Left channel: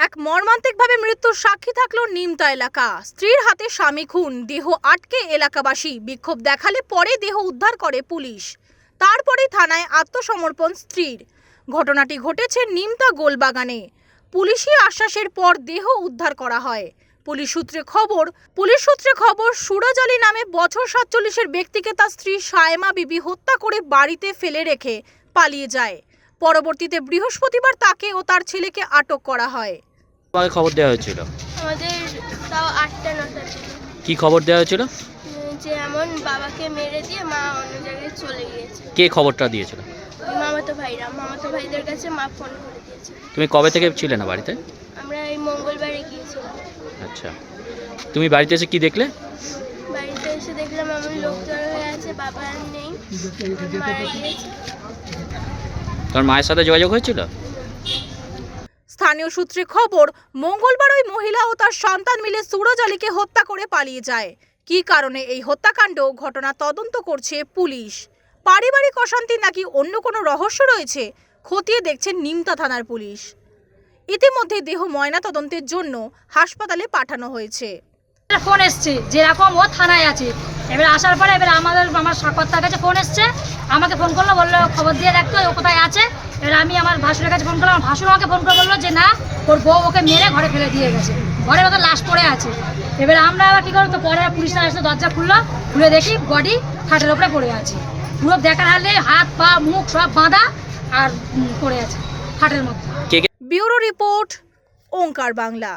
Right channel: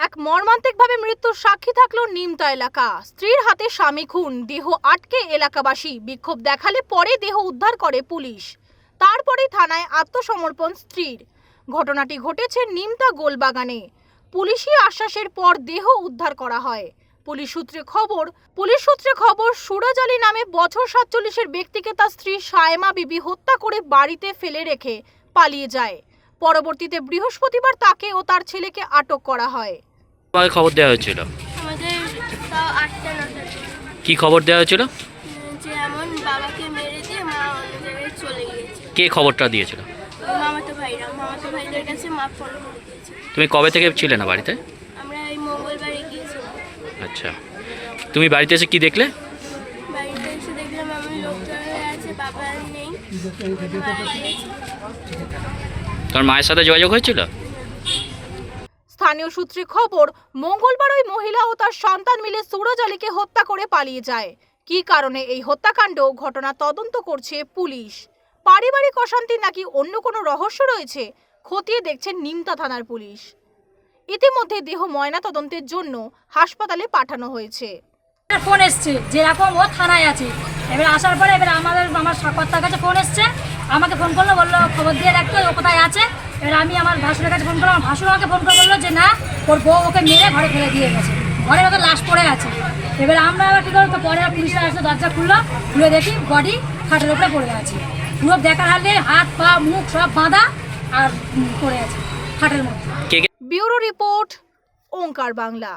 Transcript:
এক মর্মান্তিকভাবে মৃত্যুর সাক্ষী থাকল নিমতা এলাকা। স্ত্রীর হাতে স্বামী খুন, দেহ আটকে এলাকাবাসী, বিক্ষোভ দেখালে পরে দেহ উদ্ধার করে পুলিশ। তারপরে থানায় আত্মসমর্পণ স্ত্রীর। ঘটনাটি ঘটেছে নিমতা গোলবাগানে। পুলিশি আশ্বাসের পর দেহ উদ্ধার করা হয়। পুলিশ সূত্রে খবর, পুলিশ সূত্রে খবর, সুরজ আলী নামে বছর সাতচল্লিশের ব্যক্তিকে তার স্ত্রী সায়মা বিবি হত্যা করে বাড়িতে ফেলে রেখে পালিয়ে যায়। পরবর্তীতে বৃহস্পতিবার তাকে ও তার ছেলেকে আটক করা হয়। তোমাকে খবর দেওয়া হয়েছিল? আমাদের তাও আটটা নটা কি খবর দেওয়া হয়েছিল? যে এমন বাবাকে মেরে দিয়ে মা অন্য জায়গায় চলে গিয়েছে। কে খবরটা দিয়েছিল? ওই মামাতো ভাইরা মামাতো ভাইদের কাছে মা ফোন করে দিয়েছে। তুমি কবে থেকে ছিলে না বাড়িতে? আমরা এই মঙ্গলবারে গিয়েছিলাম। আচ্ছা। তুমি বাড়িতে এসে কি দেখলে? বাড়িতে এসে দেখলাম এমন লোকটা আছে বাবা আর নেই। গিয়েছে তোমার মায়ের সাথে যোগাযোগ হয়েছিল? স্থানীয় সূত্রে খবর মঙ্গলবার ওই মহিলা ও তার সন্তান মিলে সুরজ আলীকে হত্যা করে পালিয়ে যায়। কী কারণে এই হত্যাকাণ্ড? ঘটনা তদন্ত করছে পুলিশ। পারিবারিক অশান্তি নাকি অন্য কোনো রহস্য রয়েছে? খতিয়ে দেখছেন নিমতা থানার পুলিশ। ইতিমধ্যে দেহ ময়না তদন্তের জন্য হাসপাতালে পাঠানো হয়েছে। ফোন এসছে যেরকম ও থানায় আছে। এবার আসার পরে এবার আমাদের আমার সাক্ষাৎকার কাছে ফোন এসছে। আমাকে ফোন করল বলল খবর দিয়ে দেখতো ও কোথায় আছে? এবার আমি আমার ভাসুরের কাছে ফোন করলাম। আমার ভাসুর আমাকে ফোন করে বলল যে না ওর বউ ওকে মেরে ঘরে ফেলে দিয়ে গেছে। ঘরে ওকে লাশ পড়ে আছে। এবার আমরা এবার কী করব তো পরে পুলিশরা এসে দরজা খুললো। খুলে দেখি বডি খাটের ওপরে পড়ে আছে। পুরো দেখার হালে হাত পা মুখ সব বাঁধা আর পড়ে আছে খাটের মধ্যে। Bureau report Omkar Bangla.